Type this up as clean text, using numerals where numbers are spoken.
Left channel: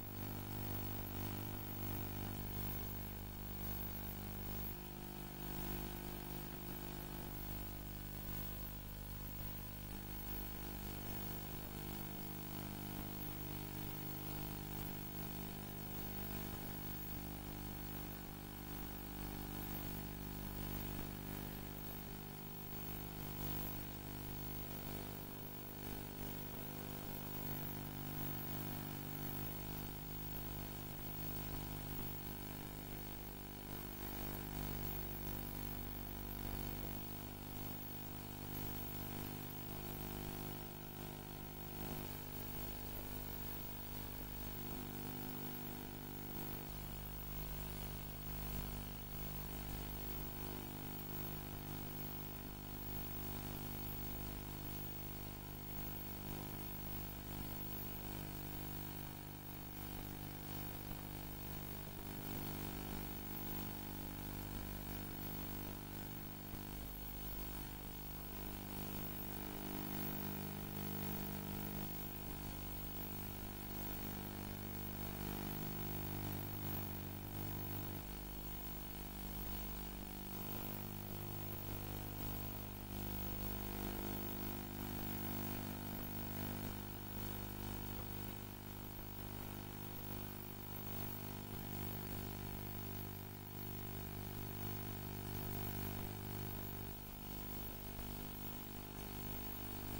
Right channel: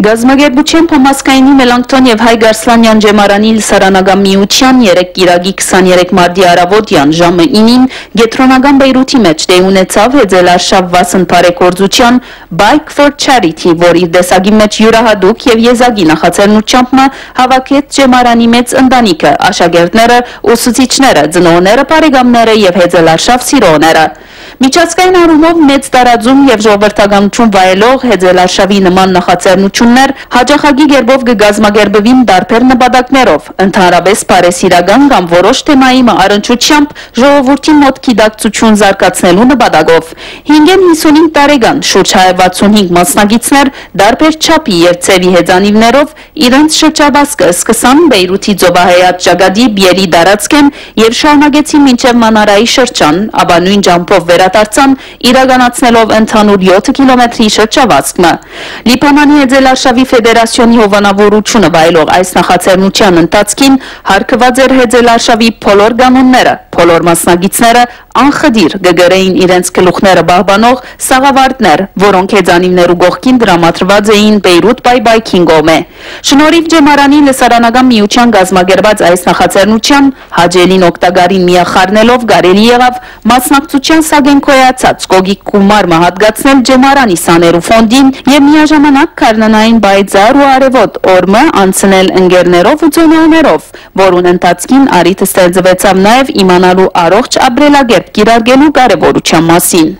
Գազագերբության համազգայնի Մելանքթոն եւ Հայ Գարսլանյան ջեմարանի լսարանական միության 3 կիրագի 23 մարտի առավոտյան ժամը 9-ին Գետրոնական Բեյրութի մեջ տեղի ունեցավ հեծելարշավ վասն բարեգործության Bike for Charity, որ իր դեսագի մեջ յուրահատուկ եւ եզակի նախաձեռնությամբ հավաքեց ջեմարանի մեծ ընտանիքը, աշակերտները, ուսուցիչները, ծնողները, բարեկամները եւ հեծելարշավ սիրողները։ Միջազգային առումով մեծ տարածում եւ ժողովրդականություն վայելող հեծելարշավի նման նախաձեռնություններ հաջողակի գերբով կգազմագերբվին տարբեր նպատակներով, ընդհանրապես բարեսիրական կամ որոշ թեմայի առնչությամբ ժողովրդի մոտ գիտակցություն զարգացնելու նպատակով։ 55 տարեկան շուրջ 165 մասնակիցներ տարբեր չափի եւ ցևի հեծանիվներով իրենց շրջաբասկը սկսան Բեյրութի ծովահայաց ճակատի Բիերի տարածքեն եւ շարունակեցին մինչեւ Մանարայի շրջան, ապա նույն ջամփով վերադարձան իրականացնելով ընդհանուր 7 կիլոմետրի շրջավազքը։ Լիբանանի հեծելարշավի ֆեդերացիոնի հովանավորությունը վայելող այս նախաձեռնության ընթացքին հարգված էր հեծելարշավի բոլոր կանոնները, բոլոր մասնակիցները անխդիր կգրեին իրենց գլուխները պահպանող սաղավարտներ, որոնք հեծանիվներու կողքին դրամատրված էին Բեյրութ Bike-ին կողմէ։ Շնորհիվ ջեմարանի լսարանական միության կազմակերպած այս նախաձեռնության հաջելին օգտագարին միախառնելով կարելի եղավ մասնակցության սագենքոյացած կողիկ գումար մահատգացնել ջեմարանի սաներու ֆոնդին եւ միաժամանակ քարնանային բայձար ու արևոտ օրմը անցնել ընկերներով ու ծնողներով, որուն ընթացքին առիթ ստեղծվեցավ նաեւ իմանալու առողջ ապրելակերպ կիրարգելու կարևորության մասին։